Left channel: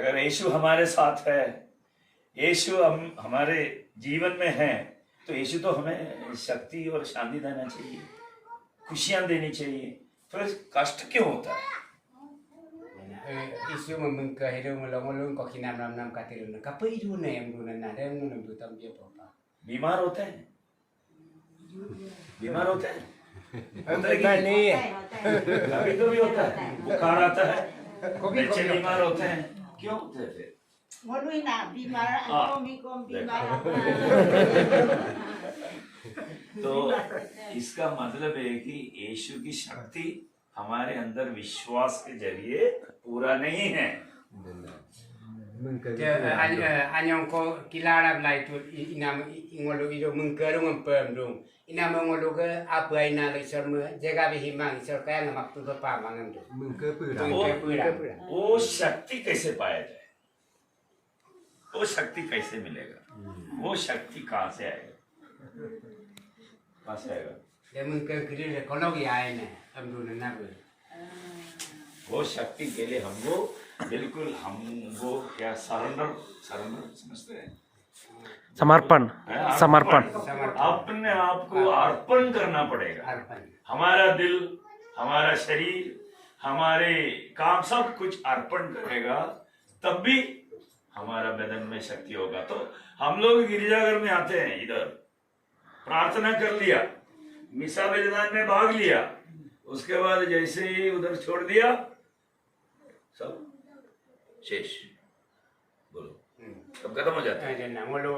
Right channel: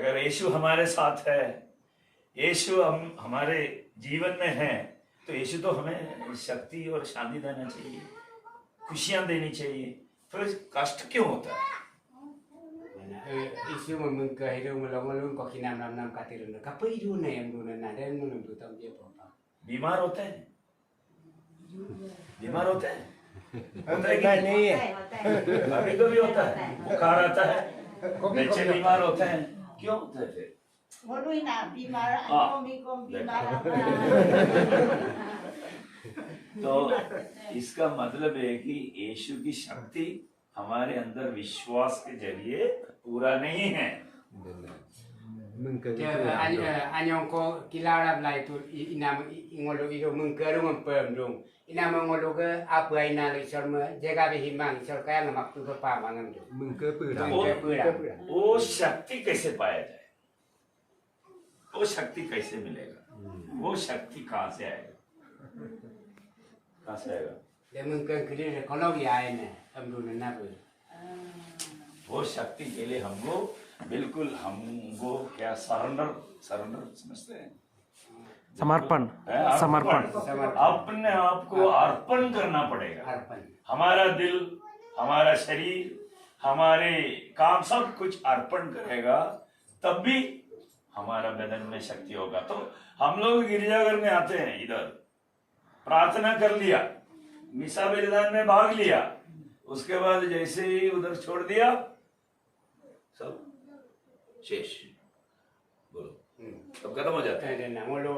अगर यीशु हमारे साथ है, यीशु हम हमारे जीवन में है, तो यीशु तो हमें शक्ति और शांति देना चाहिए, खुशियां देनी चाहिए। फिर कष्ट क्यों होता है? isu memungka hidup melong-melong kok kinam nam katirun kape idu na yang dulu na dan menum tu tam dia apa बीमार होते हैं, बीमार होते हैं, नहीं है। कभी कभी होता है, बुखार आता है, बच्चे बीमार होते हैं, क्यों होते हैं फिर? Waduh nak bimara kom bimara. तो इसका मतलब है कि यीशु की शक्ति हमारे अंदर विश्वास के जरिए पूरा नहीं है। anyong ko kilala blai tu inam ingolo ido mungka rung pem rung inam ngolo ke apa ina le sorma jaga bi himang sor kaya ngamak tu pa mangan tu mungke pura वो शक्ति कैसे पाया जाए? वो शक्ति कैसे मिलेगा? वो शक्ति कहाँ से आएगा? कहाँ से आएगा? le mungka kiri le kono gi ai ne am du na bu वो शक्ति के लिए हमको बिल्कुल हमको क्या सरेंडर समझते हैं? समर्पण समर्पण अपने आप को अर्पण करना पड़ेगा। arpan हमारा दिल, हमारा शरीर, हमारे काम सब कुछ अर्पण करेगा, तब भी हमारा बदन में शक्ति होगा। तो हम लोग गिरजाघर में आते हैं, इधर प्रार्थना कर लिया, मिसा बलिदान में भाग लिया, उसके बाद जैसे ही उधर छोड़ दिया सब शेष, बोलो सब खत्म हो जाता है। dan ngolo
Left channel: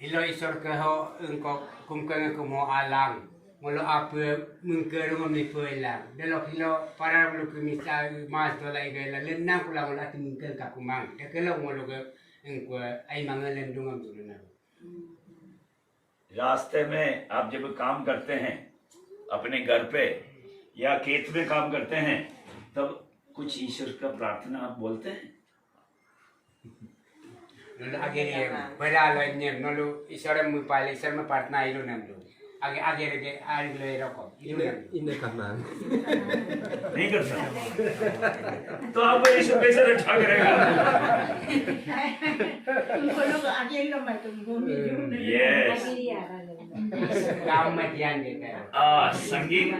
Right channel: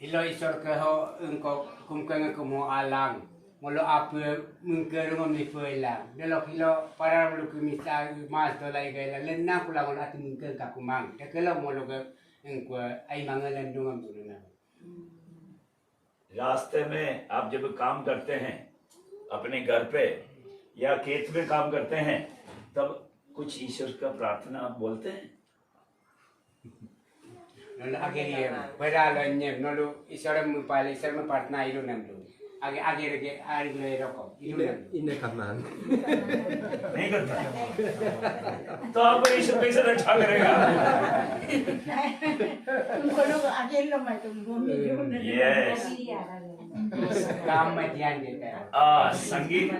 hilo isor ke ho engko kumkan ke mo alang ngolo apa mungka rung mi pelang delok hilo para lu ke misa mas to lai gela lenna kula ngolo ati mungka ka kumang de kelo ngolo ke engko ai mangalan dungam tu na रास्ते में आप जब काम करते हैं अपने घर पे या खेत में काम करते हैं, तब कुछ ईश्वर का प्रार्थना आप बोलते हैं? nolo age pada lo nyem nolo isore mu pali isore mu partna ilu nam lu age ge ari le roko ilu nam ine kanan नहीं करते हैं। तो आप ईश्वर कैसे रक्षा करेगा? Tumpul lo aja lo mai tumpul minum. Yes. काम में ध्यान देता है संगीत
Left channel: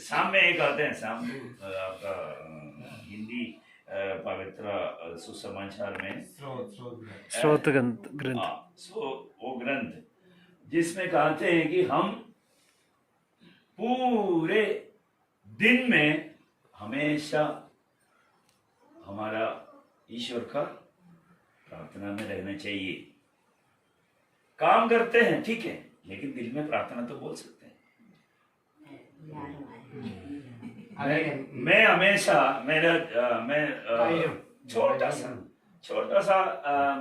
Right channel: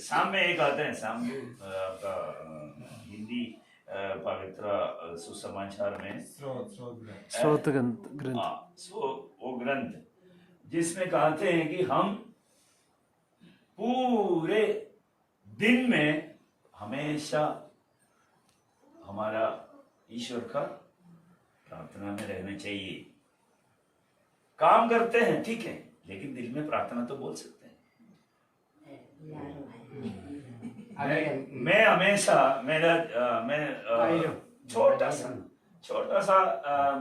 शाम में एक आते हैं, शाम आपका हिंदी पवित्र सुसमाचार में स्रोत ग्रंथ वो ग्रंथ जिसमें कहते हैं कि हम पूरे दिन में हमेशा हमारा ईश्वर का प्रार्थना में रहना चाहिए। काम करते हैं ठीक है, लेकिन दिल में प्रार्थना तो बोल सकते हैं। मैं हमेशा मैं छोटा सा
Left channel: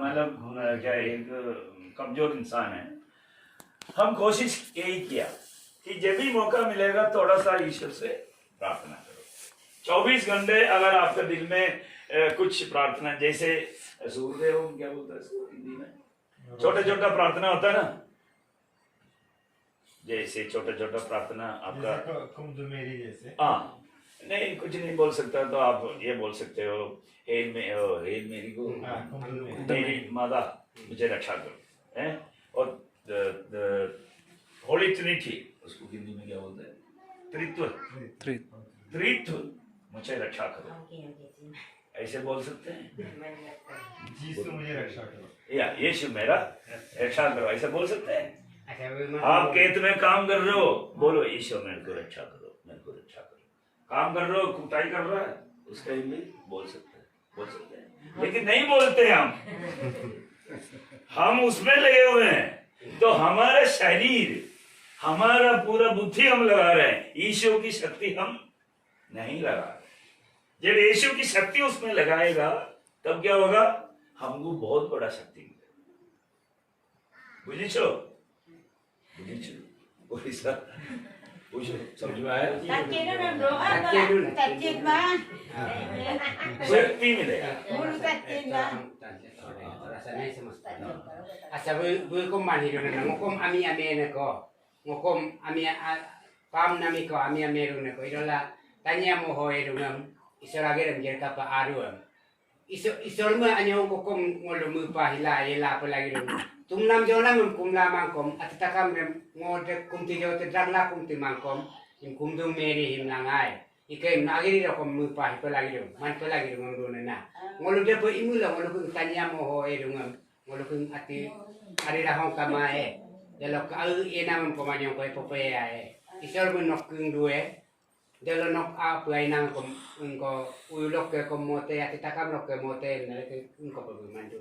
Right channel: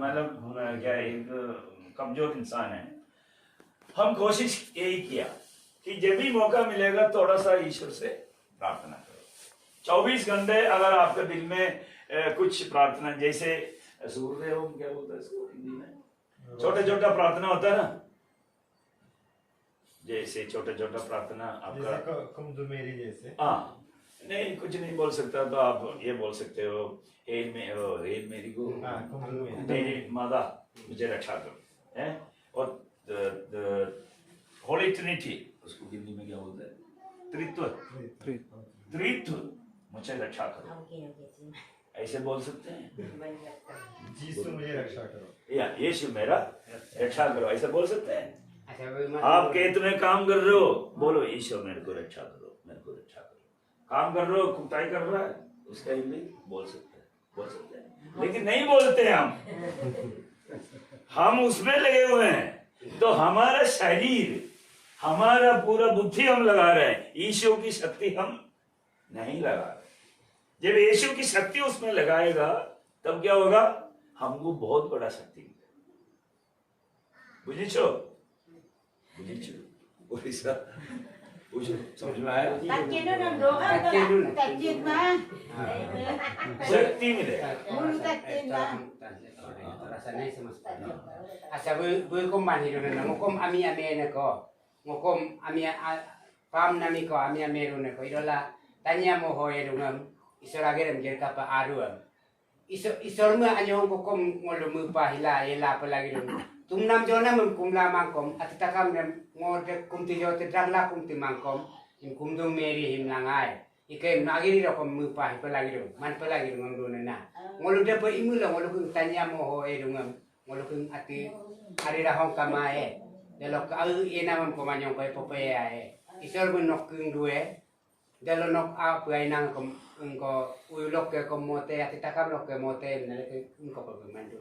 मतलब क्या एक कमजोर इंसान है। हम कोशिश यही किया कि जब भी मौका मिलेगा थोड़ा सा ईश्वर से प्रार्थना करो। 24 घंटे अगर आपके दिल में कुछ प्रार्थना, जैसे सूर्य ओम क्या बोलता है इसको हिंदी में, छोटा छोटा प्रार्थना होता है ना, जैसे छोटा छोटा प्रार्थना आपका मेरी जैसे हाँ नहीं कुछ नहीं बोल सकता तो आप ये बोल सकते हो हेल मेरी को मेरी माता मुझे रक्षा करो है। और होली ट्रिनिटी उसको हिंदी में क्या बोलते हैं? त्रित्व मुझे रक्षा करो, ऐसे बोल सकते हैं। यीशु मुझे रक्षा करो या यीशु मेरा रक्षा करो, ऐसे बोल सकते हैं। आप खेत में काम कर रहे हो, बोलो ईश्वर मेरे को रक्षा करो, मेरे को रक्षा करो। काम कर रहे हो, कुटाई कर रहा है, उसका हिंदी बोल सकते हैं, लेकिन नहीं बोलते हम उसमें लगे हुए हैं। तो हमारा शरीर, हमारा पूरा बुद्धि हम लगा रहे हैं, ईश्वर की शक्ति हम नहीं लगा रहे। जब यीशु की शक्ति उसमें लगाएगा तब क्या होगा? हमको बहुत बड़ा शक्ति मिलेगा। बुझिछो ओडिसा बुझो, समझ में आया? Takjil nam doa takjil mah. शक्ति मिलेगा। Mulu takjil mah. rasanya semesta asa bu ko man hido na ngokom ami na ko ngokom ami pam nami ko ami ame ro na ko idola tanya mo ho ngam isor agerem jer kapa aruam isor ma anyo kokom ngolu mu pahila ila pelagi dum tumnam jona mun kumla mangkom atatakam nem ngode kumti jote dragla kumti mangkom in kumdung meri himlangai ikai nagiri rokom mu pahi pelagi dum man pelagi dum ngolu na ngolu de pe imula ngolu kun tanya moho edungam ngolu kun ati hari rahong kamae delok au enam pemanyong ko popea isor mun nok kung duwe dalo nok apa inang ko ulok ke komote ati takam nok ke mote nale ke ko mandu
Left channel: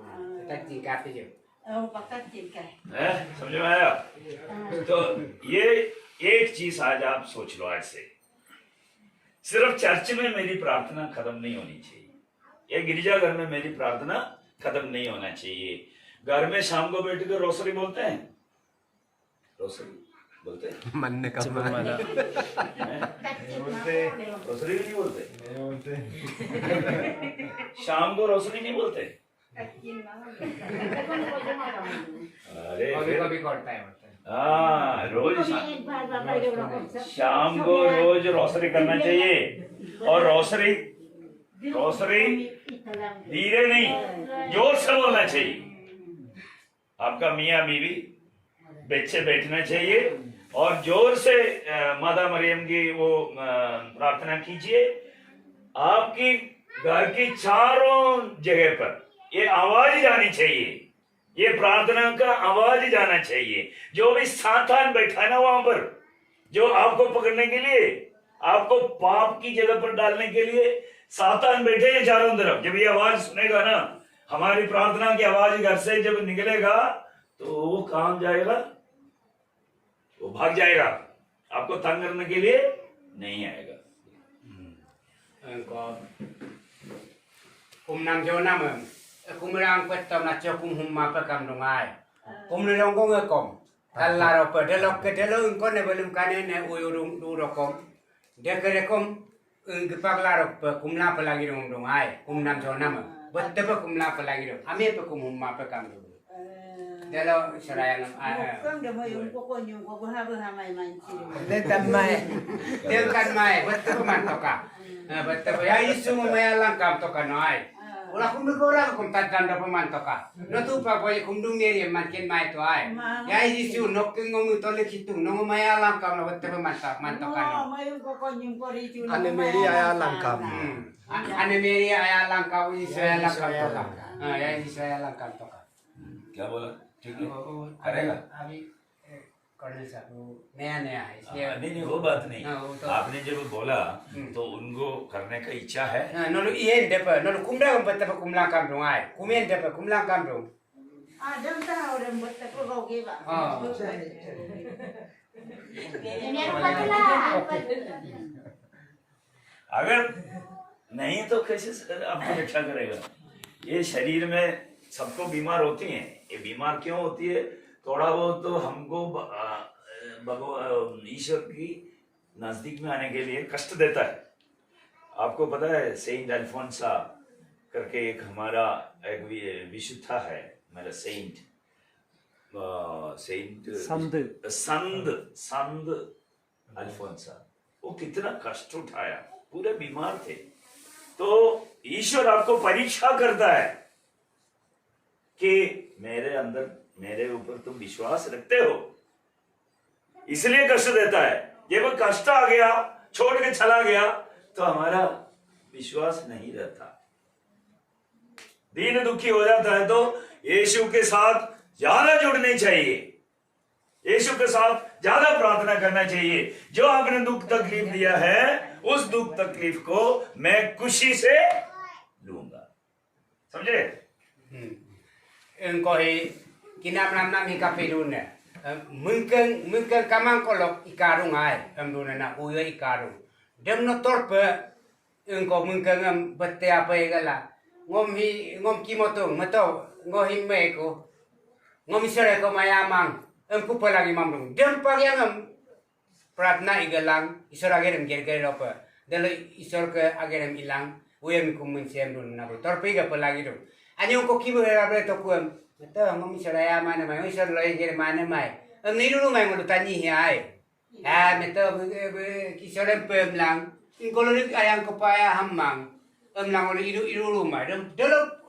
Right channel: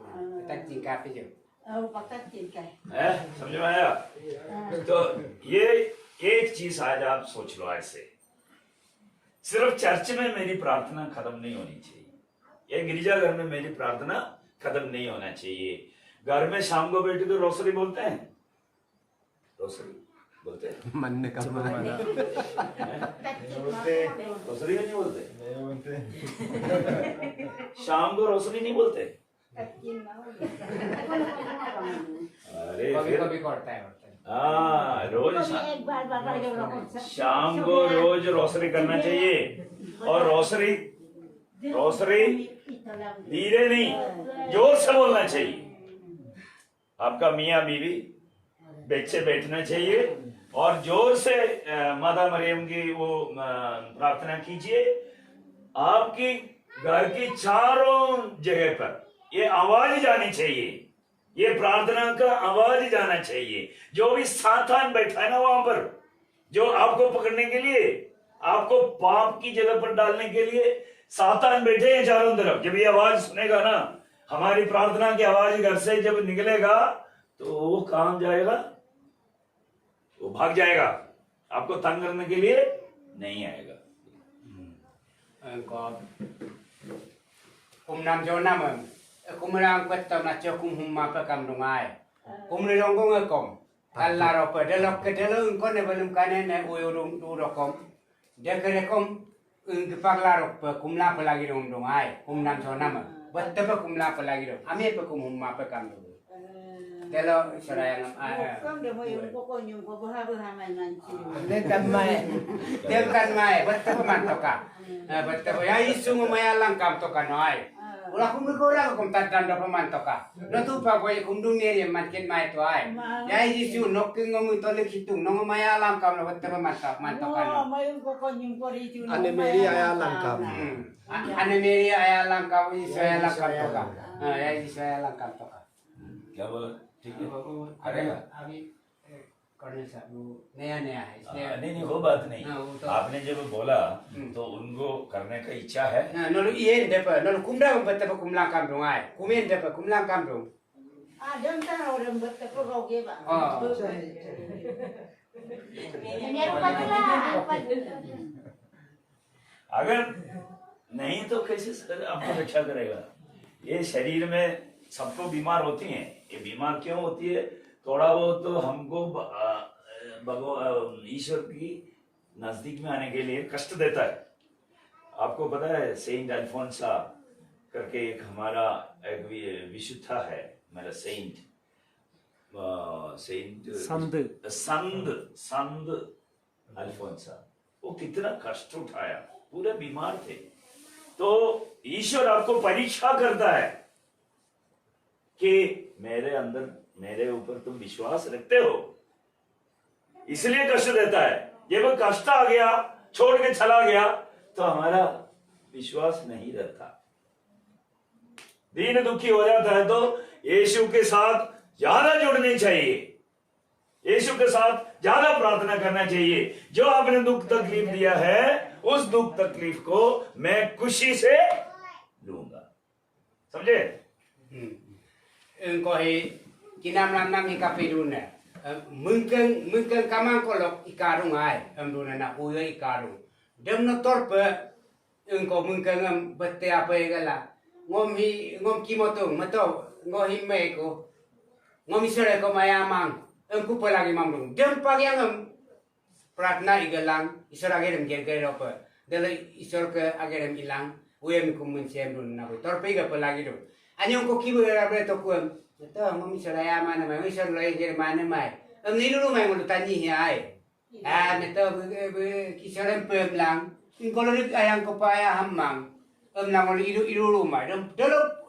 ta tingkat je पक्का ठीक है है समझ में आया तो ये एक चीज आज आप सोच लो आज से सिर्फ चर्च में मेरी प्रार्थना खत्म नहीं होनी चाहिए ये गिरजाघर में मेरी प्रार्थना खत्म नहीं होना चाहिए घर में शाम को बैठ कर रोसरी बोलते हैं रोसरी बोलते हैं मन ने कहा रोसरी नहीं बोलते नहीं बोलते शाम को रोसरी नहीं बोलते अरे कभी कभी करता है हाँ रोज एक बार बाबा शाम को रोज रोसरी करना चाहिए और रोसरी धीरे नहीं जोर से बोलना चाहिए आपका मियाँ बीवी बच्चे बैठना चाहिए और जोर से माता मरियम की वो प्रार्थना कीजिए आपकी घर की चारों जगह पर ये आवाज जानी चाहिए ये प्रार्थना का आवाज जाना चाहिए जो भी सातान बैठा है ना वहां पर जो आपको पकड़ने के लिए आपको पाप की जगह पर डालने के लिए सातान बैठे हैं चारों तरफ जब ये आवाज सुनेगा ना हमारी प्रार्थना की आवाज घर से जब निकलेगा तो वो कहां जाएगा वो भाग जाएगा आपको तंग करने के लिए नहीं आएगा kumnam jona mem kumrang pet macho kum humma pakam dungai kumlong ngom kalaro pe delok ke delung ko ne belum kane ne uyurung du rokom dekerekom gepaglaro pe kumla pelagi dong dungai kumnam jona mem bette pe kumla pelagi dong ame pe kum humma pakam dung delo sarayang Kang demo yung ko buha may manchi. nên tâm mai del kan mai bette pe mantoka bette pe ya isu mo mayalang kam to kanoi ulah kum orang kum tatan do pemantoka no tu pa boy kum dung ne makin mai to ai ya isu nok ngom to le kitung no mayalang kam no bette pe mantoka no May yung ko yung ko rito. anh Mary ai langkam ane meri aya langkam isu aya langkam to ya isu aya langkam to क्या बोला ठीक है करेगा अभी colonel साहब नया नया है इसलिए नहीं वो बात नहीं हाँ, वो तो- आपने जब बोला तो उनको करने का इच्छा है नलो ये depa nolo kumda kam betta kumla kam dong ai kumen depa kumla kam dong Adam ta orang buat ko kau ke ba. अगर नहीं तो कैसे आपको रक्षा करेगा ये शरीर में सबको बीमार होती हैं ये बीमार क्यों होती है थोड़ा बहुत तो हमको ईश्वर की नजदीक में आने के लिए कष्ट देता है आपको पता है सेंट अल्फोंसा करके एक हमारा एक विशुद्ध है मेरा सेंट संत अल्फोंसा वो कितना कष्ट उठाया पूरे बीमार थे तो ईश्वर आपको परीक्षा करता है कि मेरे अंदर मेरे ऊपर तुम विश्वास रखते हो इसलिए कष्ट देता है जब वो कष्ट आ गया छोड़ के चला गया तो हमारा विश्वास नहीं रहता दीन दुखी हो जाता है तो यीशु के साथ ज्यादा जुड़नी चाहिए यीशु के साथ ज्यादा प्रार्थना करना चाहिए जो आपने दुख तकलीफ दिया है उस दुख तकलीफ को मैं खुशी से लूंगा समझे engko hi kinam nam hi kapirun ne mungkin kamang kolok ikarung ai amduna na uyo ikarung dem no torpe engko mungkin ngam bette apa igala ngom kimotong mato ngohi meko ngom isore ko mayamang engku palagi mamdung dem pagyangam pratna igalang isor agerem gerger ropa delo isor ke agerem ilang uyem kumun semdun na torpe ga palagi do anyo ko kibo rabe to kuam to ngom isora mana mai isor loi ger mana mai ni lu mai mo tani hi ai meto kisore pem lang Kalau ni ayam kepaya hamang, nang oli iru rumah, dalam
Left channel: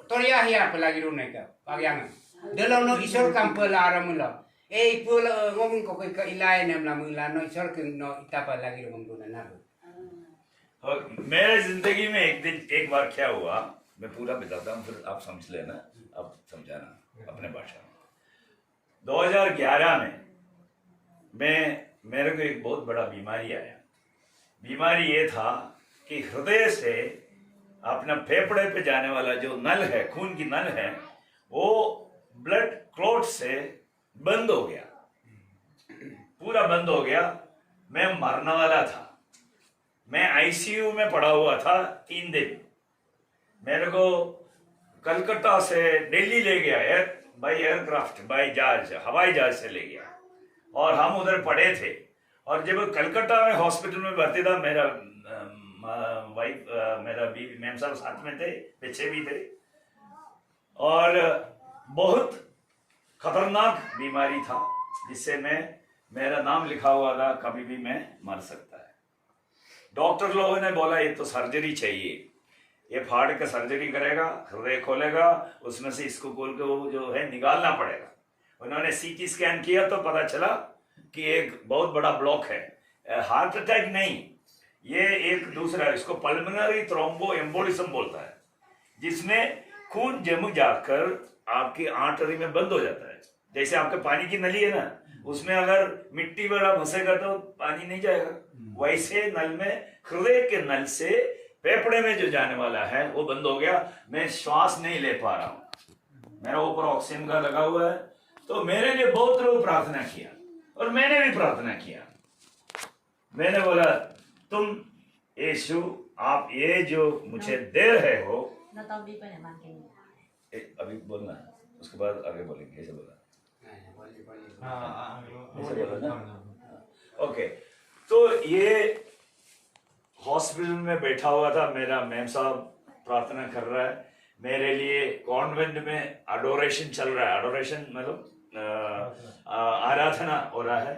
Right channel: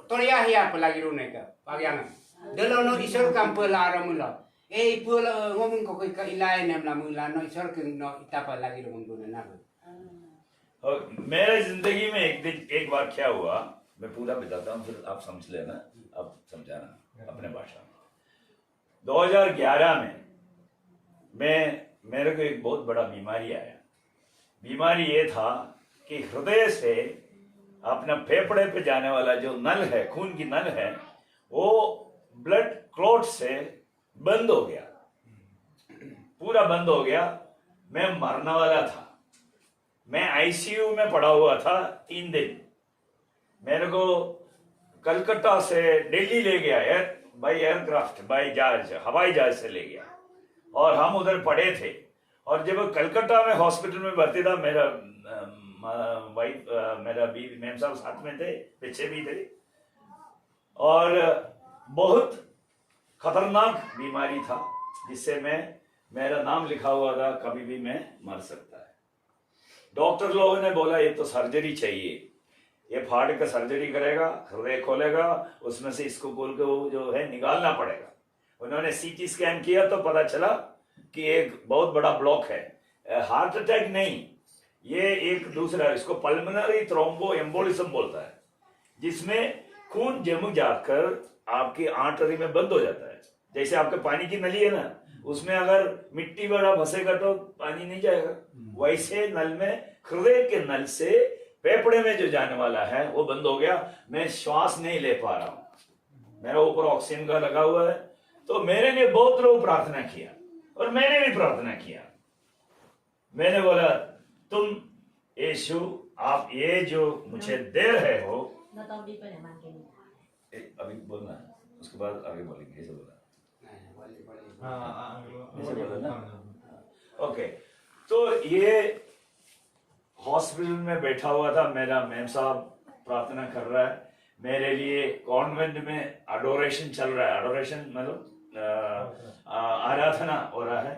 toria hiar pelagi rumah ke, bagian. Dalam no isor kampel aram mula. Pul ngomong kau ke ilai nam lam mula no isor ke no itapa lagi rumah mula nabu. और मेरे जिंदगी में एक बार क्या हुआ, मैं पूरा बताता हूँ, फिर आप समझ लेना, आप समझाना अपने भाषा में। 2011 में मेरे को एक बहुत बड़ा बीमारी आया। बीमारी ये था कि हृदय से अपना फेफड़े पे जाने वाला जो नल है, खून की नल है, वो ब्लड क्लॉट से बंद हो गया, पूरा बंद हो गया। मैं मरने वाला था। मैं आईसीयू में पड़ा हुआ था 3 दिन। मेरे को कलकत्ता से दिल्ली ले गया बाई एयरक्राफ्ट, बाई जहाज, हवाई जहाज से ले गया और हम उधर पड़े थे। और जब कलकत्ता में हॉस्पिटल में भर्ती था, मेरा वाइफ, मेरा बीवी मैम साहब साथ में थे, पीछे भी थे, और बहुत खतरनाक बीमारी था जिससे मेरा नाम लिखा हुआ था, कभी भी मैं मर सकता है। डॉक्टर लोगों ने बोला ये तो सर्जरी चाहिए, ये फाड़ के सर्जरी करेगा, हृदय खोलेगा, उसमें से इसको खोल के वो जो है निकालना पड़ेगा। उन्होंने सीटी स्कैन किया तो पता चला कि एक बहुत बड़ा ब्लॉक है, हार्ट अटैक नहीं, ये एक दूसरा, इसको पल्मोनरी थ्रोम्बो एम्बोलिज्म बोलता है, जिसमें खून जम जाकर आपकी आर्टरी में बंद हो जाता है। जैसे आपके पानी की नली है ना, उसमें अगर मिट्टी वगैरह घुसेगा तो पानी नहीं जाएगा, वैसे नल में, हृदय के नल से फेफड़े में जो जाने वाला है वो बंद हो गया। मैं श्वास नहीं ले पा रहा हूं, मेरा ऊपर ऑक्सीजन का लगा हुआ है। तो मेरे लिए बहुत लोग प्रार्थना किया और मैंने भी प्रार्थना किया। मैंने बोला, तुम यीशु, आप ये जो मुझे दे रहे हो, अभी बोलना, उसके बाद आगे बोलेंगे, ऐसे बोला। ओके, तो ये हॉस्पिटल में बैठा हुआ था, मेरा मैम साहब प्रार्थना कर रहा है मेरे लिए। कॉन्वेंट में अडोरेशन चल रहा है, अडोरेशन मतलब आराधना हो रहा है।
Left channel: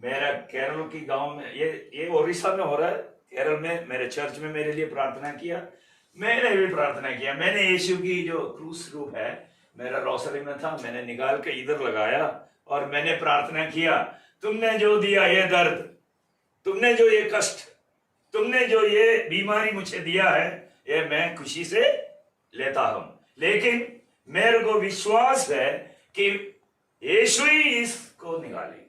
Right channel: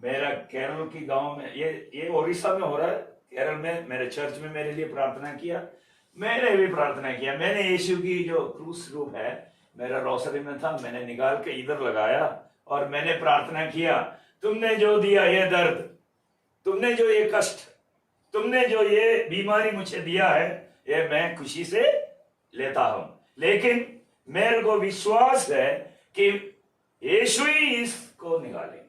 मेरा केरल की गांव में, ये उड़ीसा में हो रहा है, केरल में मेरे चर्च में मेरे लिए प्रार्थना किया। मैंने भी प्रार्थना किया। मैंने यीशु की जो क्रूस रूप है मेरा रोसरी में था, मैंने निकाल के इधर लगाया और मैंने प्रार्थना किया, तुमने जो दिया ये दर्द, तुमने जो ये कष्ट, तुमने जो ये बीमारी मुझे दिया है, ये मैं खुशी से लेता हूं, लेकिन मेरे को विश्वास है कि यीशु ही इसको निकालेंगे,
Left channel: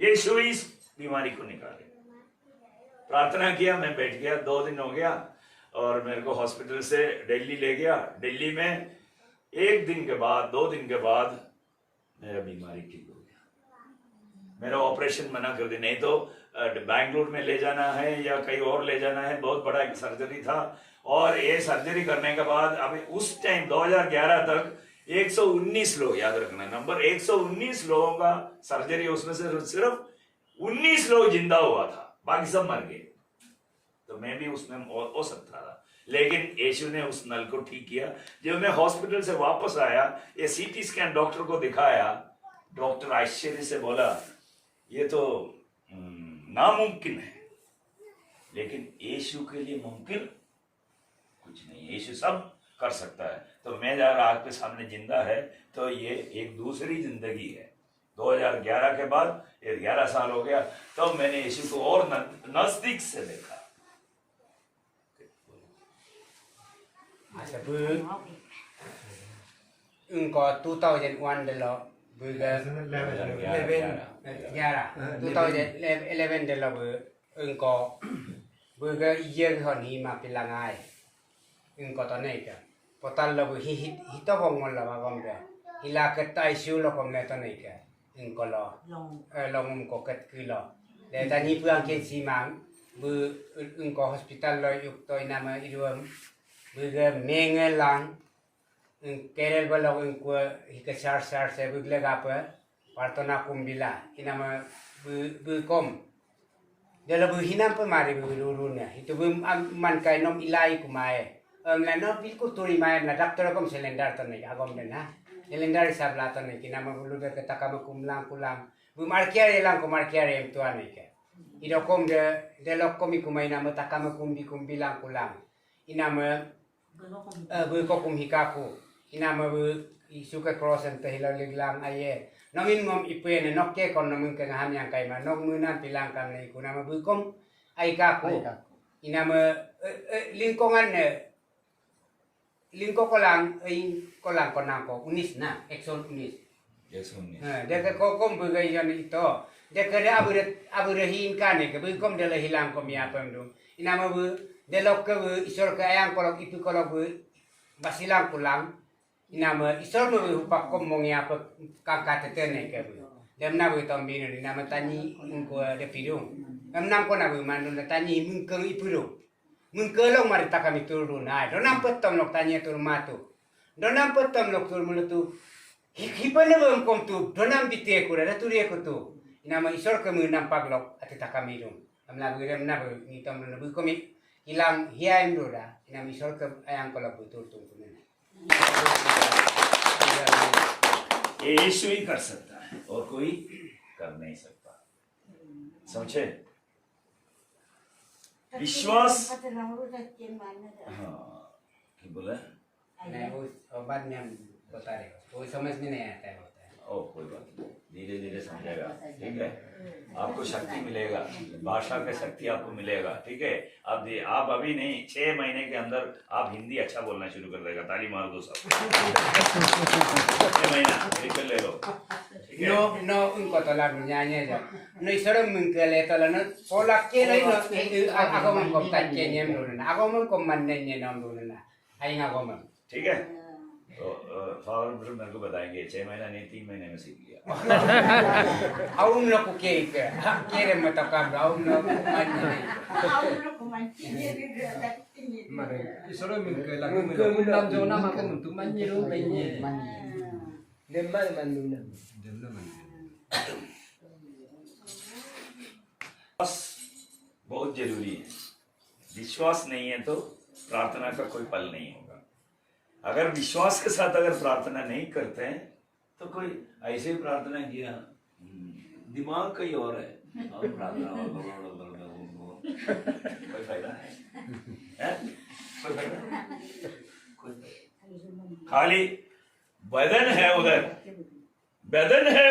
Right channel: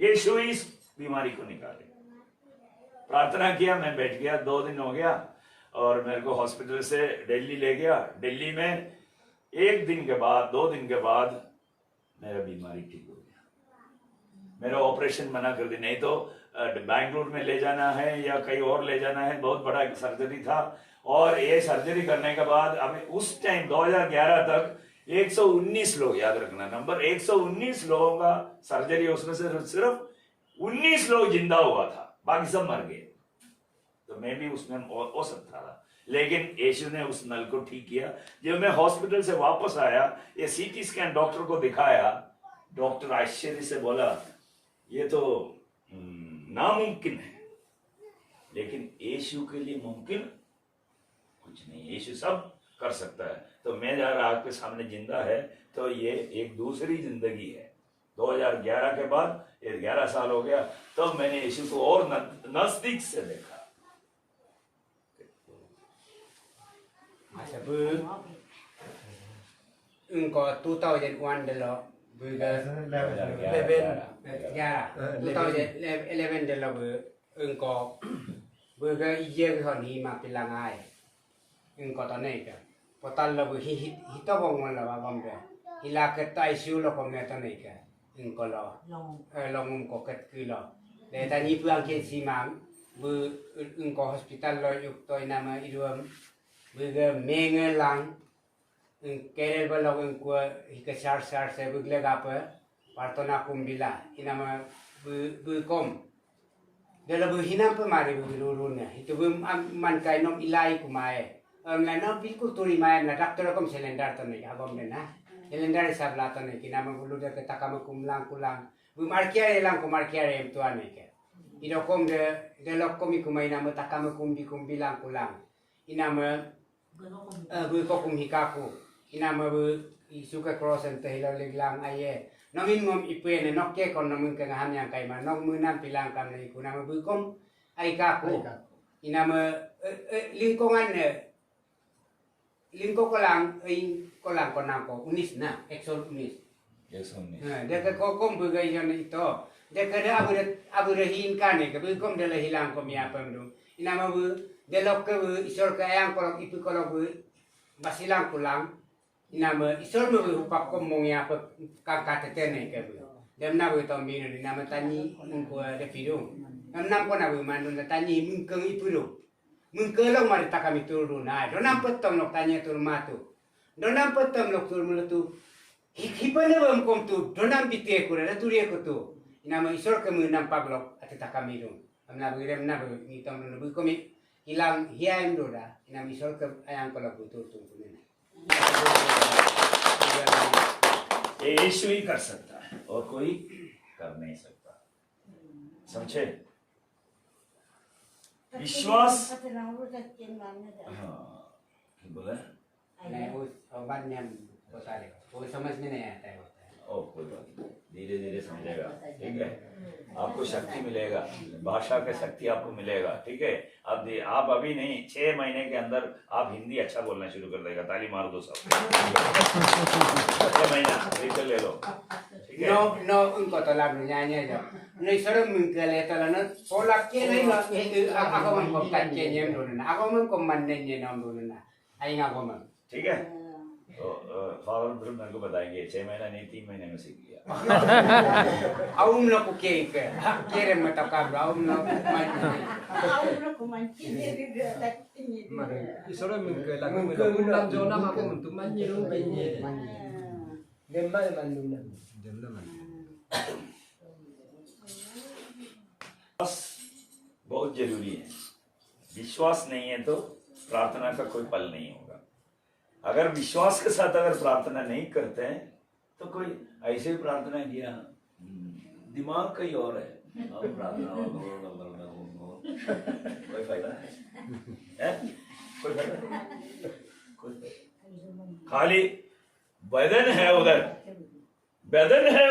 यीशु ही इस बीमारी को निकालेंगे। प्रार्थना किया, मैं बैठ गया। 2 दिन हो गया और मेरे को हॉस्पिटल से दिल्ली ले गया। दिल्ली में 1 दिन के बाद, 2 दिन के बाद मेरा बीमारी ठीक हो गया। मेरा ऑपरेशन मना कर दिया, नहीं तो बैंगलोर में ले जाना है या कहीं और ले जाना है। बहुत बड़ा एक सर्जरी था और ये सर्जरी करने के बाद अभी उस टाइम 2011 तक 119 लोग, याद रखना नंबर, 119 लोगों का सर्जरी, उसमें से सिर्फ 19 लोग जिंदा हुआ था, बाकी सब मर गए। तो मैं भी उसमें हो सकता था, लेकिन यीशु ने उस नल को ठीक किया। जब मैं हॉस्पिटल से वापस आया, ये सीटी स्कैन डॉक्टर को दिखाया, डॉक्टर आश्चर्य से बोला ये तो नामुमकिन है, लेकिन यीशु के लिए मुमकिन कुछ नहीं, यीशु सब कर सकता है। तो मैं जब आपके सामने जिंदा है तो ये एक दूसरी जिंदगी है। 2011 के बाद 11 साल हो गया, तो मैंने यीशु को और नजदीक से देखा। Engkau 2001 dulu, bukan 2011 dulu engkau bukan iya kau ni mak pilangai, engkau tahu ni kan? Potal lo hita bongol lo abang kan? Hilak ketai siu lo kau ni tahu ni kan? Engkau lo long engkau ket kilo. Dan tadi puang ke simang, engkau hospital lo yuk toy nama iruam. Bukan mengelang, kerel balok engkau hikasar saya bukan apa, partona kumbila, ini nama bukom. Dalam buhinam pemari bururunya, itu man kai nom ilai kumai. Lain bilkul turi mai, na doktor kom selendar tanai, agam dena. Selendar sabla tanai, kina nama bulu dah kata kamu kumlang. Bu markiar elang ku markiar em tuan ni ke. irokom de lokom ikumai nama takama kumbi lang kulang inama bu kokum hikaku inama bu isuka crossan tehila liglang aye namin mom ipene nokke kon namin kengahan yang kaima nok munan pilang kan iku nama bu kom ai kaku inama lingkungan lingko kolang kolang konangko unis na exon unis Yes, हमने dia ke kokom bugai jan itu dia ke dia abu hin kan ke bu kom dia hilang kom ya pemdum inama bu dia lok ke bu isor ke ayang kolok itu kolok bu basilang pulang inama isor bu pak kom mong ya pe kakak tetene ke bu dia na bu tom bin inama tani ngko de pidung nam ko na bu manun tani mungkeng ipurung mungkelong mari takami turun na do nam petom lok tanya tur matu do nam petom lok tur mulutu hipane bom kom tu do nam bite ko da turi ko tu inama isor ke munam paglok ati takami dum amna bu rem na bu ngitam no bu komi hilang hiaim do da inama isor ke ayang kolok butur tung kumena ये यीशु ही कर सकता है और कोई कर नहीं सकता समझे विश्वास हाँ क्या बोले नहीं वो बाद में हम बता रहे वो समझ में नहीं आता है ओ कोई बात नहीं धीरे धीरे समझेगा ठीक है आपको शक्ति मिलेगा भाषा का शक्ति आपको मिलेगा ठीक है आप अभी नहीं 6 महीने के अंदर आप हिंदी अच्छा बोलना शुरू कर देगा ताली मार दो सब 6 महीना निकल ले लो ठीक है no engko to lagu nyanyi aja no isore mengkele to lana polak ke lai no ako man ko takke nyem do na ako man ko man ne nom do na ai nga ko man ठीक है तो father brother मेरे को बताएंगे 6 महीना नहीं 3 महीने में सीख लिया aum no ku ke kere mata ka aum no man Aku kumancing diri dia ini. Isoro mungkin lagu menam zona apa untuk manyiru penye. Demma manuna. Demna man. बहुत जरूरी है विश्वास नहीं है तो प्रार्थना का कोई पल नहीं होगा अगर विश्वास के साथ अगर प्रार्थना नहीं करते हैं तो कोई ऐसे ही प्रार्थना किया दिमाग कहीं और है अब प्रार्थना कोई फायदा है कोई फायदा खाली बदन है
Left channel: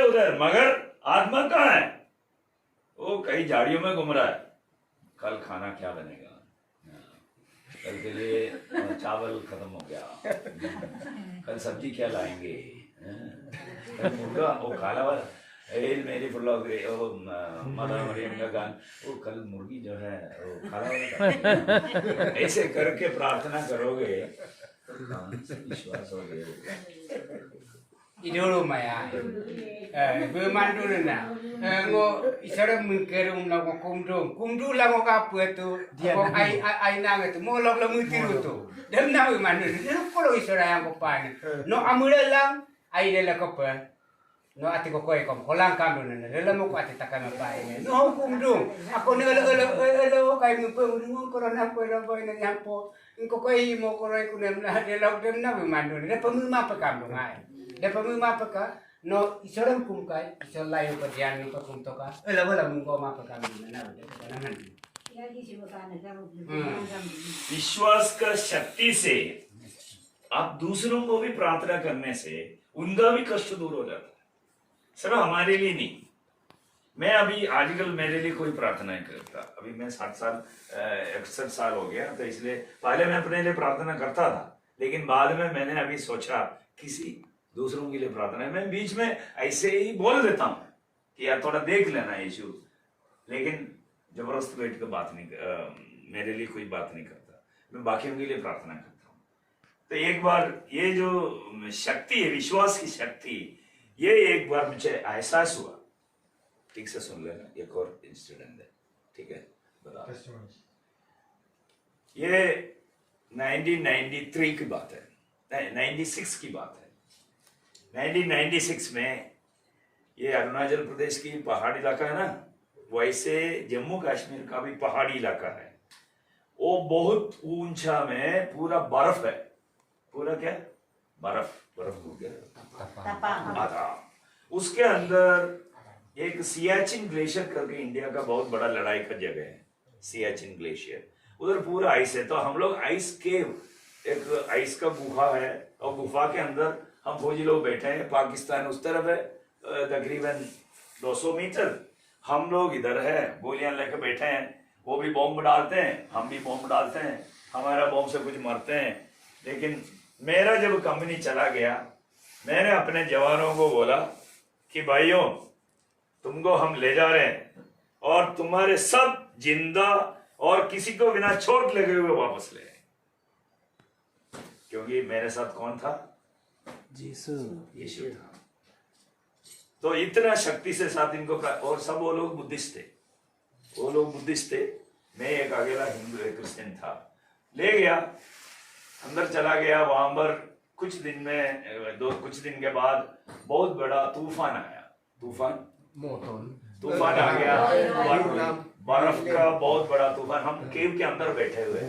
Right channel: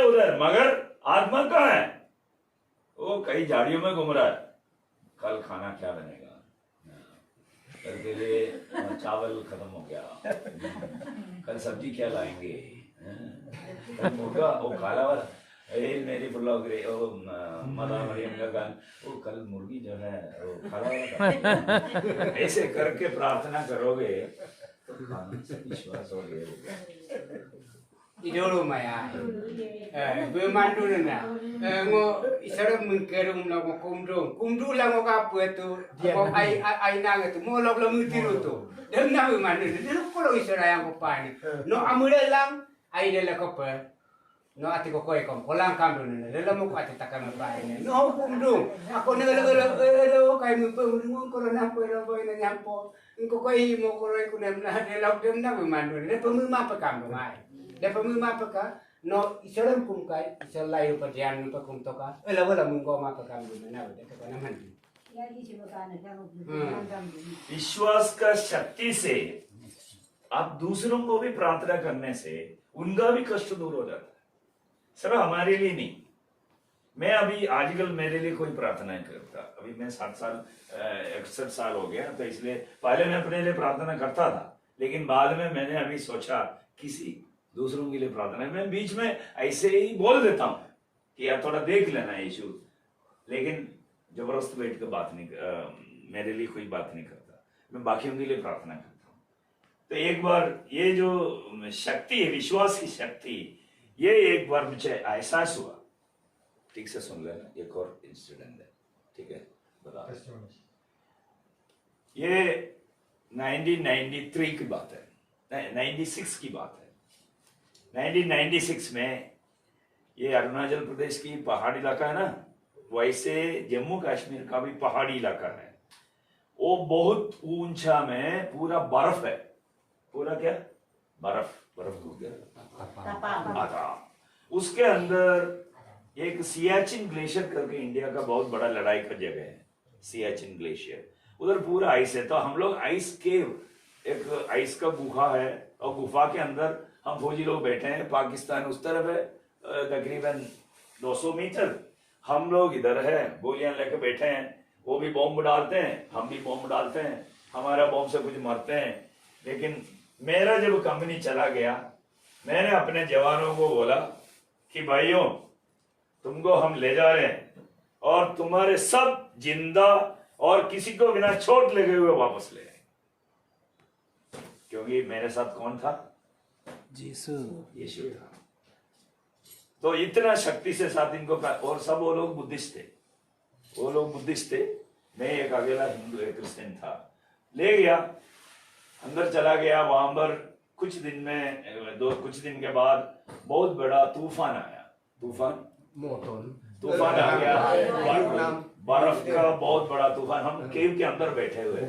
उधर मगर आत्मा कहाँ है वो कई झाड़ियों में घूम रहा है कल खाना क्या बनेगा कल के लिए चावल खत्म हो गया कल सब्जी क्या लाएंगे कल मुर्गा वो काला वाला मेरी फुल्ला हो गई वो माता मरियम का गान वो कल मुर्गी जो है वो काला वाला ऐसे करके प्रार्थना करोगे तो विश्वास हो गया idolo maya be mandu na ngo isara mungkeru na ko kumdu la ngo ka puetu ko ai na ngetu mo lok la mutiru tu dem na be mandu de ko lo isara yang ko pani no amule lang ai de la ko pa no ati ko koi kom kolang kam do na de la mo ko ati takam pa ne no kumdu ako ne lo kai mu pe mu ko na ko ra boy na yang po ko koi mo ko roi ku nem na de la dem na be mandu de pa mu ma pa kam do ngai Depa mu ma peka no isoram kum kai isalla yo padian ni pa kum to ka ela wala mun go ma peka mu na de na man विश्वास का शक्ति से आप दूसरों को भी प्रार्थना करने से उनका भी कष्ट दूर हो जाता है सिर्फ हमारे लिए नहीं मैं अभी आजकल मेरे लिए कोई प्रार्थना नहीं करता अभी मैं 61 साल हो गया तो इसलिए पहले मैं अपने लिए प्रार्थना करता था लेकिन बाद में मैंने अभी सोचा किसी दूसरों के लिए प्रार्थना मैं बीच में ऐसे ही बोल देता हूँ कि यार थोड़ा देख लेना यीशु लेकिन जबरदस्त बैठ कर बात नहीं मेरे लिए कोई बात नहीं करता मैं बाकियों के लिए प्रार्थना करता हूँ तो एक बार ये जो शक्ति है विश्वास की शक्ति ये एक बार मुझे एहसास हुआ ठीक से सुन लेना एक और इंसिडेंट है ठीक है बता ये 1993 की बात है 96 की बात है 1996 में ये अरुणाचल प्रदेश की पहाड़ी इलाका है ना वैसे जम्मू कश्मीर का भी पहाड़ी इलाका है वो बहुत ऊंचा में पूरा बर्फ है पूरा क्या बर्फ हो गया आता उसके अंदर एक सियाचिन ग्लेशियर करके इंडिया का बहुत बड़ा लड़ाई का जगह है, सियाचिन ग्लेशियर, उधर पूरा आइस है। तो हम लोग आइस केव, एक आइस का गुफा है, और गुफा के अंदर हम फौजी लोग बैठे हैं। पाकिस्तान उस तरफ है तकरीबन 200 मीटर, हम लोग इधर है, गोलियां लेके बैठे हैं। वो भी बॉम्ब डालते हैं, हम भी बॉम्ब डालते हैं, हमारा बॉम्ब से कुछ मरते हैं। लेकिन मेरा जब कंपनी चला गया, मैंने अपने जवानों को बोला कि भाइयों, तुमको हम ले जा रहे हैं और तुम्हारे सब जिंदा और किसी को बिना चोट लगे हुए वापस ले आए। क्योंकि मेरे साथ कौन था? यीशु। यीशु था। तो इतना शक्ति से साथ इनको और सब वो लोग बुद्धिस्ट थे, वो लोग बुद्धिस्ट थे, मैं एक अकेला हिंदू क्रिश्चियन था। ले गया, अंदर चला गया, वहां पर कुछ दिन के बाद बहुत बड़ा तूफान आया। तूफान आ गया, बर्फ का बहुत बड़ा तूफान। हम केव के अंदर बैठे हुए,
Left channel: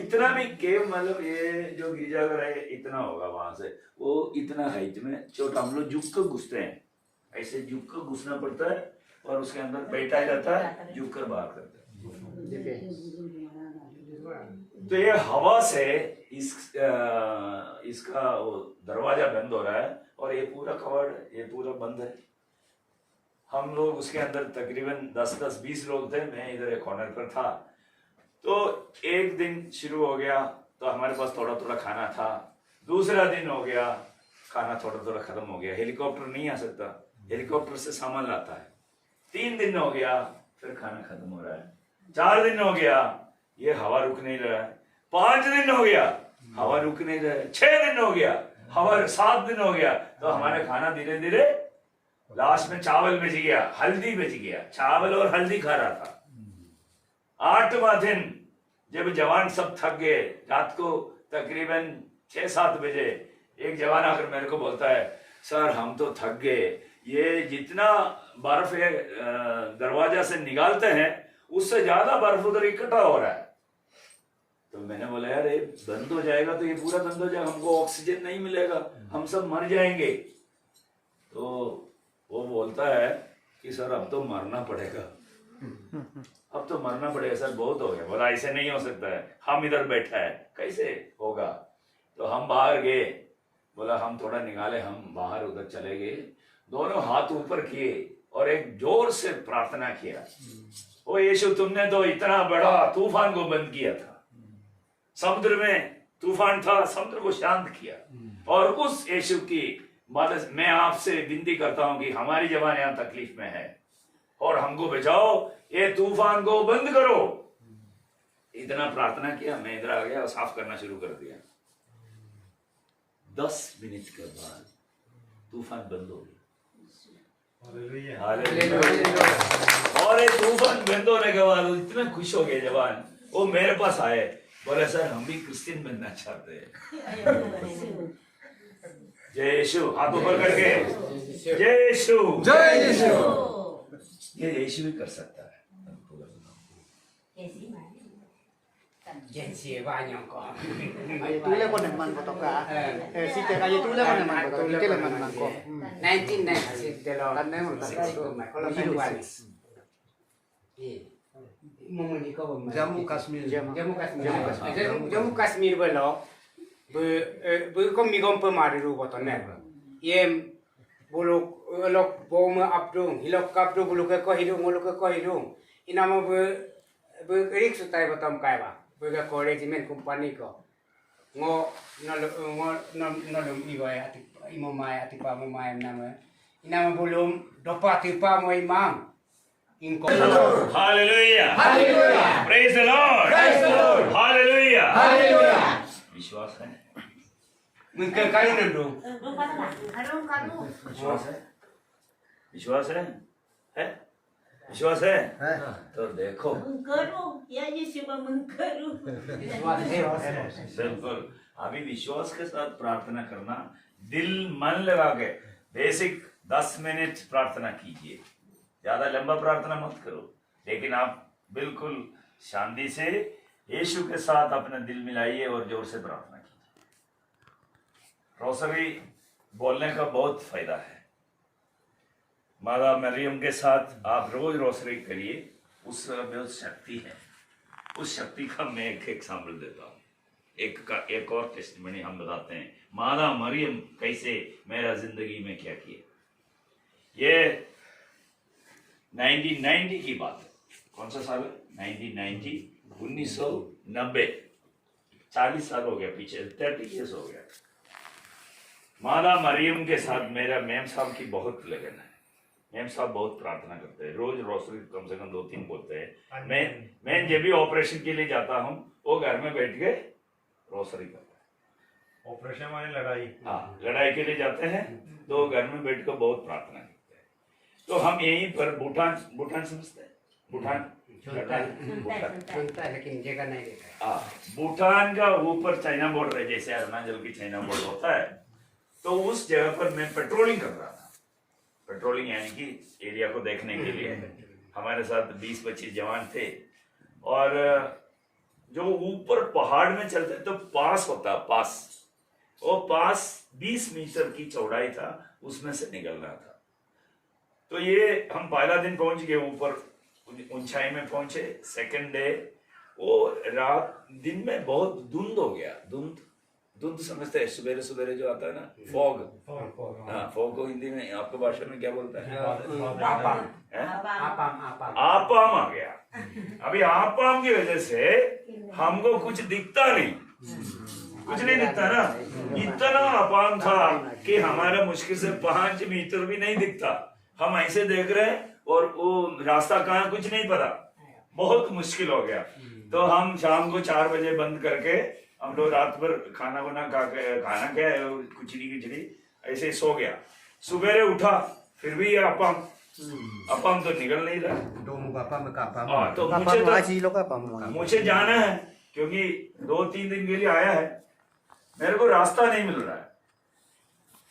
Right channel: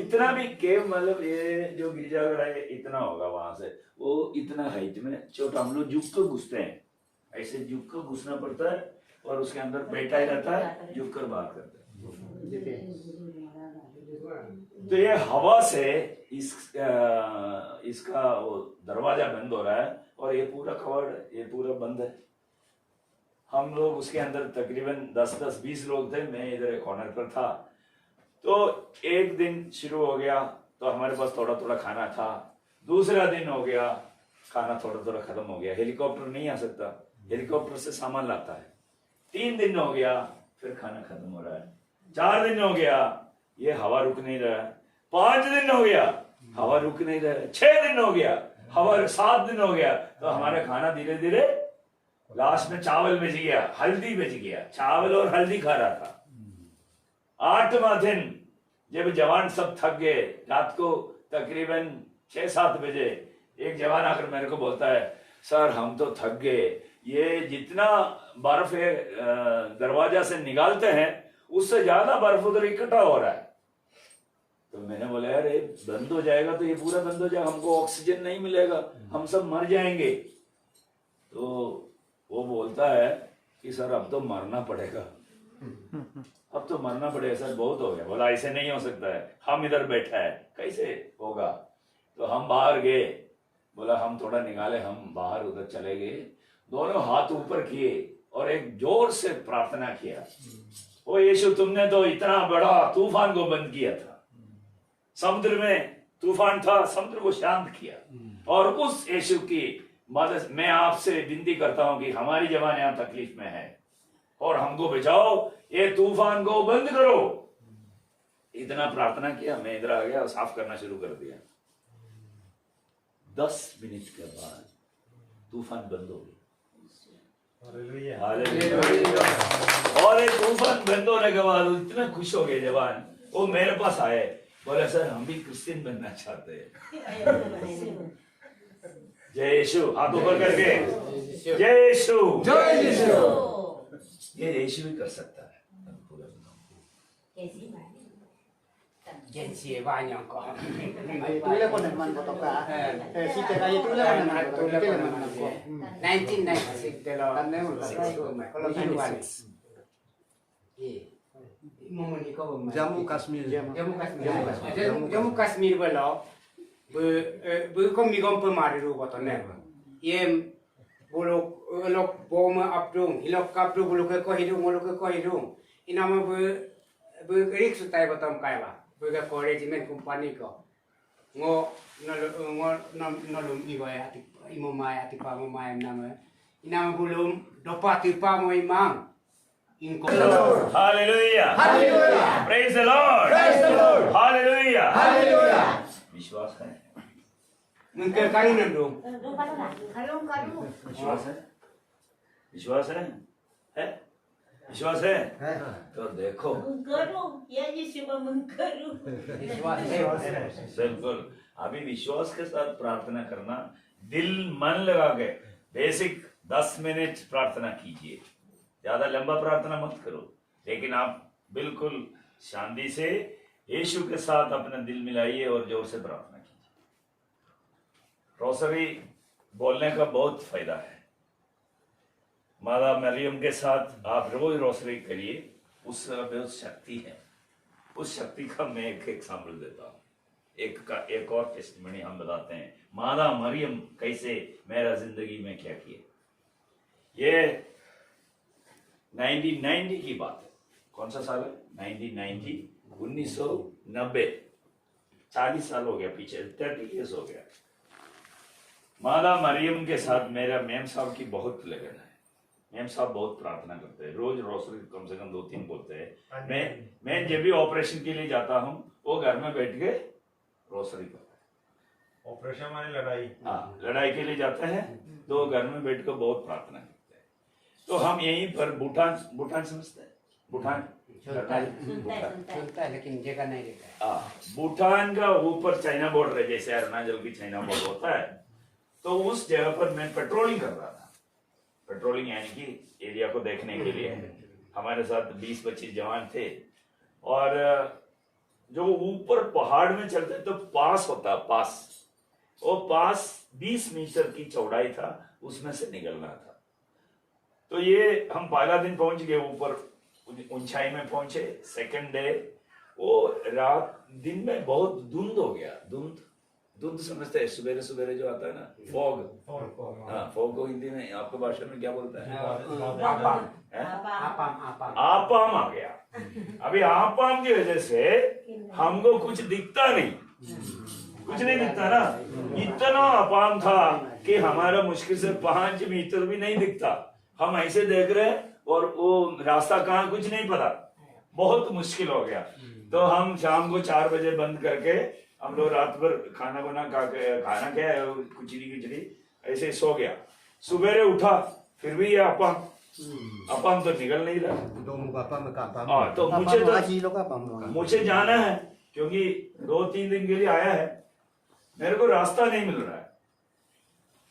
इतना भी केव मतलब ये जो गिरजाघर है इतना होगा, वहां से वो इतना हाइट में छोटा, हम लोग झुक कर घुसते हैं, ऐसे झुक कर घुसना पड़ता है और उसके अंदर बैठा ही रहता है, झुक कर बाहर करता है। तो ये हवा से इसका वो दरवाजा बंद हो रहा है और ये पूरा कवर्ड, ये पूरा बंद है। हम लोग उसके अंदर तकरीबन 10-20 लोग थे, मैं इधर एक कॉर्नर पर था। तो एक दिन शुरू हो गया तो हमारे पास थोड़ा थोड़ा खाना था, दूसरा दिन हो गया, खाना थोड़ा थोड़ा खत्म हो गया, हेलीकॉप्टर नहीं आ सकता, हेलीकॉप्टर से सामान लाता है। 3 दिन हो गया, फिर खाना खत्म हो रहा है। 4 दिन हो गया, ये हवा रुक नहीं रहा है। 5 दिन हो गया, हवा रुक नहीं रहा है। 6 दिन हो गया, हवा 7 दिन हो गया, तो हमारा खाना धीरे धीरे लास्ट में चावल बच गया, हल्दी बच गया, चावल और हल्दी खा रहा था। 8वां दिन जब जवान सब थक गए, रात को तकरीबन 6-7 बजे एक जवान आकर मेरे को बोलता है, सर हम तो थक गए, ये जितना बर्फ है दरवाजा से निकालते हैं उससे ज्यादा बर्फ उधर इकट्ठा हो रहा है। तो मैंने बोला यार ये बंद हो जाएगा तो ये पूरा बंद हो जाएगा, हमको ऑक्सीजन नहीं मिलेगा, हम सब मर जाएंगे। तो वो बोलता है कि सर अब तो मरना पड़ेगा, अब तो मरना पड़ेगा सर, बहुत हो गया। बोला ऐसे नहीं हो सकता है, हम इधर बैठा है, कैसे होगा? तो हम बाहर गए, बोला हम थोड़ा निकाले, हम बाहर उधर चले गए, दोनों हाथ ऊपर किए और एक जोर से प्रार्थना किया, ओ यीशु तुमने तो इतना बड़ा तूफान को बंद किया था, समुद्र में तूफान था, समुद्र को शांत किया, और उस यीशु की मदद मैं आपसे विनती करता हूं कि हमारी जवान यहां तकलीफ में है और हमको बचाओ, ये तूफान को बंद करो। इतना प्रार्थना किया, मैं इधर आ गया और साफ करना शुरू कर दिया। 10 मिनट के बाद तूफान बंद हो गया। और एक तूफान बंद होने के बाद इतना खुश हो गए जवान, वो मेरे पास आए, बोले सर हम भी क्रिश्चियन बनना चाहते हैं। जय यीशु, हाथ ऊपर करके जय यीशु, जय यीशु। ये यीशु ही कर सकता है। Jadi banyak kok. Itu le ko naman ko to ka. Si te ka itu le ko naman ko to. Itu le naman ko. 1996 delo kan ne mun ka. Kalau 96. Mau ni ko ba? Jammu Kashmir. Jammu Kashmir belo. Bu ko mi gom pemari ru ko to ne. Yem buluk lok bom apdung, hilok kapdu buluk ko hidung, buluk ko hidung. Inama bu rik sutai batam kai ba. Bega korejimen company ko ngo no igoy ati imo mai ati pa mo mai nama inama bulum dopa tipa mo imam inko Hallelujah, Hallelujah. praise the Lord, Praise the Lord. Hallelujah, Hallelujah. विश्वास है, mungkin kali nandu विश्वास है, विश्वास है, विश्वास है, तो देखो करो या यीशु में करो। बिल्कुल अभी विश्वास के साथ प्रार्थना करना, दिल मन लगा के बेसिक 10 मिनट प्रार्थना कीजिए, ज्यादा लंबा प्रार्थना मत करो, लेकिन आप बिल्कुल शांति से यीशु के साथ अपना दिल मिलाइए और जोर से प्रार्थना कीजिए। रोसरी बोलने का बहुत फायदा है, माता मरियम के साथ आप रोज रोसरी करिए, उस शक्ति है। उस शक्ति का मैं एक एग्जाम्पल देता हूँ। एक और टेस्टिमनी हम बताते हैं, माता मरियम कैसे मेरा जिंदगी में क्या किया। ये 1990 की बात है। कौन सा साल है? 1990, 1990। 40 साल हो गया पीछे, 30 ईयर्स हो गया। माता मरियम के साथ मेरा मैम साहब की बहुत लगन है। मैम साहब बहुत प्रार्थना करते हैं, रोज रोसरी कम से कम 2-3 बोलते हैं। मैं जब भी ऑपरेशन के लिए जाता हूँ, वो घर में बैठ के रोसरी करते हैं। ऑपरेशन माने लड़ाई। हाँ, लड़ाई के लिए जाते हैं तो घर में बैठ कर बहुत प्रार्थना करते हैं। तो हम यहीं पर भूटान समझते हैं, भूटान सुनता है लेकिन जगह नहीं देता है। भूटान का ऊपर चाइना बॉर्डर है, जैसे अरुणाचल की चाइना बॉर्डर होता है। तो उस जगह पर मैं पेट्रोलिंग कर रहा था। पेट्रोलिंग यानी कि एरिया को देखने के लिए हमारे साथ 20-25 जवान थे। और जो ऊपर पहाड़ में चलते तो पास होता, वो पास 20 मीटर की चौड़ाई था, उसमें से निकलना था। तो ये हम पहला दिन पहुंच गए, ऊपर ऊंचाई में पहुंचे। सेकंड डे वो रात दिन में बहुत धुंध हो गया। धुंध समझते हैं, सवेरे सवेरे जो आता है ना, फॉग। हाँ, फॉग को हिंदी में आपको भाषा में क्या बोलता है? आपाम आ गया। अभी आपाम की वजह से हमको कुछ दिखता नहीं, कुछ नहीं दिखता ना। इतना आपाम था कि हमारा मुश्किल से 5 मीटर भी नहीं दिखता। हम ऐसे देख रहे हैं और वो रास्ता कहाँ कुछ नहीं पता, बहुत मुश्किल हो गया। तो हम शाम को 4 बजे बंद करके हम लोग रात भर खाना खाना क्या है, खिचड़ी ऐसे सो गया। सुबेरे उठा, फिर भी ये अपम तो निकल नहीं रहा। तो मुझे जाना है, क्योंकि 2-3 दिन के लिए आया है, मेरे को रास्ता नहीं मिल रहा है।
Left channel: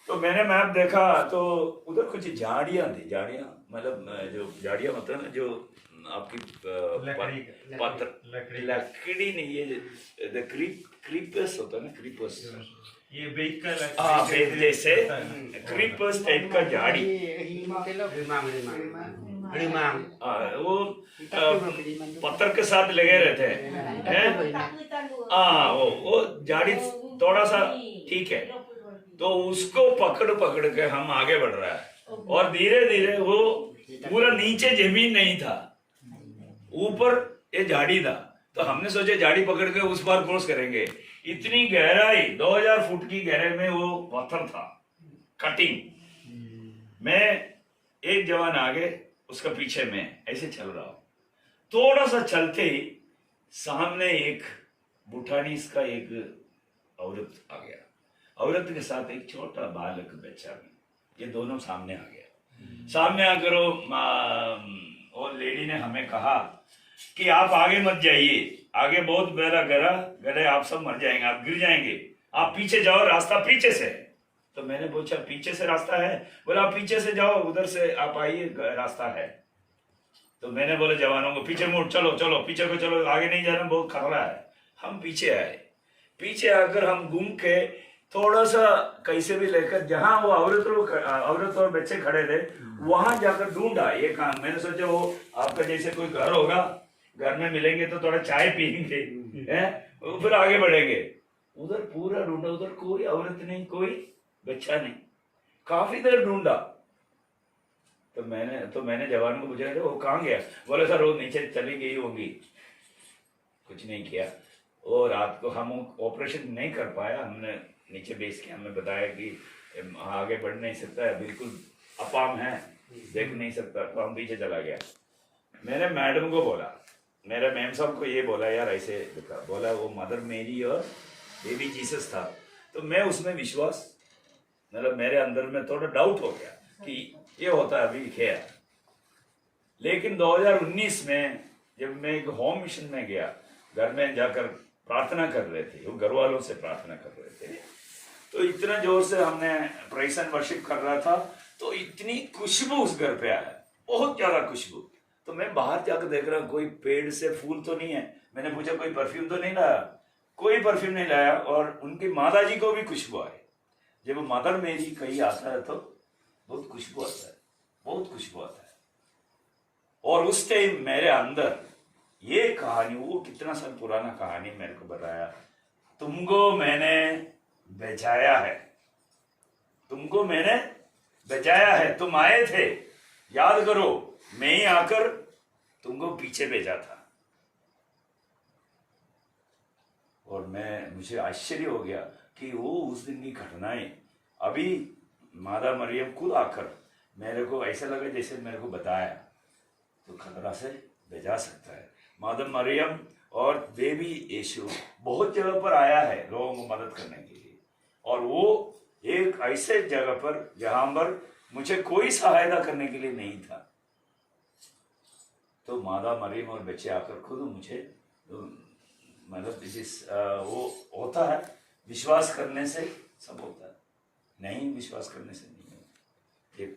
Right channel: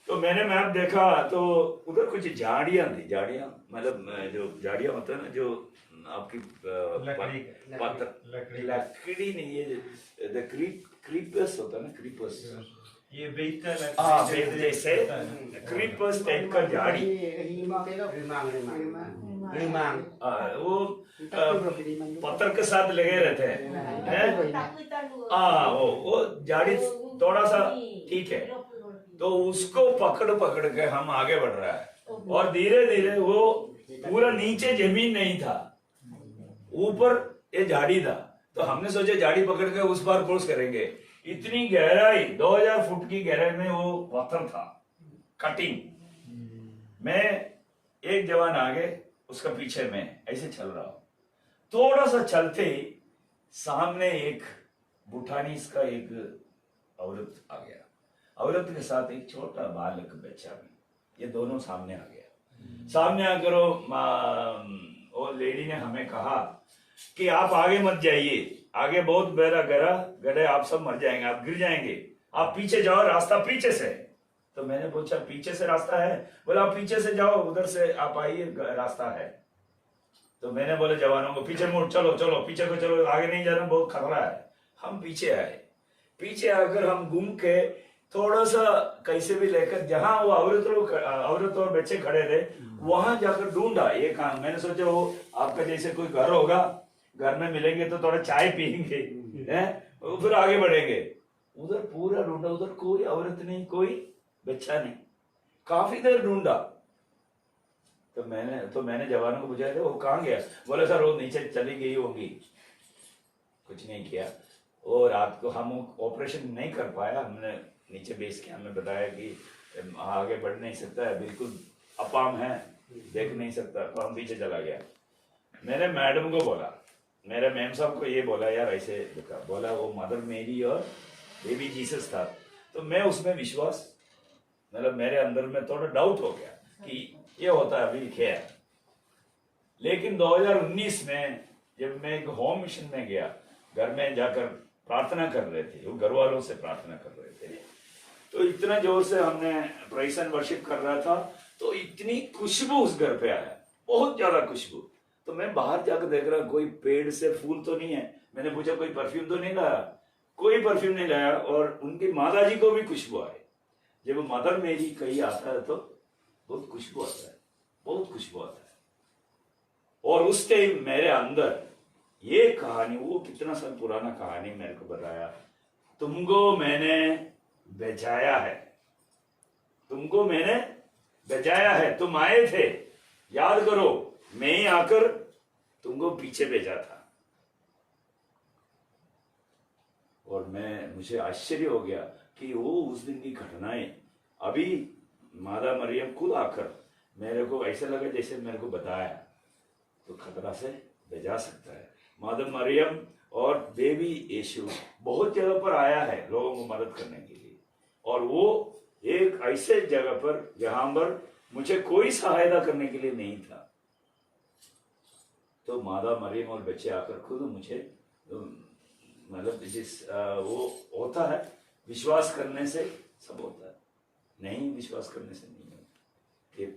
तो मैंने मैप देखा तो उधर कुछ झाड़ियां थी। झाड़ियां मतलब जो झाड़ियां होता है ना, जो आपकी पत्थर लकड़ी नहीं, ये क्रीपर्स होता है ना, क्रीपर्स, ये व्हीकल जैसे क्रीपर्स टाइप का झाड़ी। वो पत्थर के साथ लगे रहते हैं। हाँ, वो झाड़ी थोड़ा सा ठीक है। तो उसको पकड़ के हम आगे बढ़ रहा है। और धीरे धीरे वो पूरा नीचे जमीन नहीं था, ऊपर ये झाड़ी था। तो हमने सोचा झाड़ी पकड़ के उस बार क्रॉस करेंगे। इतनी गहराई, 2000 फुट की गहराई में वो पत्थर था, कटिंग। मैं एक जवान आगे, उसका पीछे मैं ऐसे चल रहा हूं। थोड़ा सा चलते ही सामने एक भूटानीस का एक औरत आ गया। औरत के साथ एक छोटा बालक बच्चा भी। ये दोनों सामने आ गया। सामने आकर वो लेडी ने हमें कहा कि आप आगे मत जाइए, आगे बहुत बड़ा गड्ढा, आप सब मर जाएंगे, आप गिर जाएंगे, आप पीछे जाओ, रास्ता पीछे से है। तो मैंने पूछा पीछे से रास्ता है? बोला आप पीछे से जाओ, उधर से आप आइए, रास्ता है। तो मैंने बोले जवानों को पीछे मुड़, चलो पीछे को चलो, आगे नहीं जाना, बहुत खतरा है। हम पीछे आए। पीछे आकर हम घूम के थोड़ा सा कैसे भी लेकर जहां वो औरत और बच्चे खड़े थे, वहां जाकर ढूंढा। ये काम मैंने सोचा वो आपका जैसे कोई घर होगा, घर में मिलेंगे तो थोड़ा चाय पियेंगे, फिर आगे बढ़ेंगे। उधर पूरा ढूंढा, उधर कोई औरत नहीं, कोई बच्चा नहीं। काफी देर ढूंढा। तो मैंने जवानों को पूछा वो कहाँ गया? बोले सर वो नीचे चली गई होगी। कुछ नहीं किया। वो रात को हम ऑपरेशन नहीं कर पाया। हमने नीचे बेस के हमें बताया कि आगे बढ़ नहीं सकता है, बिल्कुल अपाम है, देख नहीं सकता। तो हम पीछे चला गया। मैंने मैडम को बोला, मेरे मैम साहब को ये बोला, यार ऐसे देखा। बोला वो मदर मेरी और बेबी जीसस था। तो मैं उसमें विश्वास, मतलब मेरे अंदर में थोड़ा डाउट हो गया कि ये होता है अभी क्या। लेकिन 2019 में जब मैं एक होम मिशन में गया, घर में जाकर प्रार्थना कर रहे थे, वो घर वालों से प्रार्थना कर रहे थे। तो इतना जोर से हमने प्रेज़ एंड वर्शिप कर रहा था, तो इतनी खुशबू उस घर पे आया, बहुत ज्यादा खुशबू। तो मैं बाहर जाकर देख रहा, कोई पेड़ से फूल तो नहीं है। मैंने पूछा कोई परफ्यूम तो नहीं लाया? कोई परफ्यूम नहीं लाया। और उनकी माता जी को भी खुशबू आई। जब मदर मेरी कहीं आता है तो बहुत खुशबू आता है। बहुत कुछ हुआ था। और उस टाइम मेरे अंदर ये कहानी, वो कितना साल पुराना कहानी मेरे को बताया, तुमको मैंने बचाया है, तुमको मैंने बचाया है, तुम आए थे, याद करो, मैं ही आकर तुमको पीछे भेजा था। और मुझे आश्चर्य हो गया कि वो उस दिन की घटनाएं अभी मादा मरियम खुद आकर मेरे को ऐसा लगा जैसे मेरे को बताया, तो खतरा से बचा सकता है। मादा मरियम और बेबी यीशु बहुत जगह पर आया है लोगों को मदद करने के लिए, और वो एक ऐसे जगह पर जहां पर मुझे कोई सहायता करने के लिए नहीं था, तो मादा मरियम और बच्चे आकर खुद मुझे, मतलब वो होता है, विश्वास करने से सब होता है, नहीं विश्वास करने से नहीं।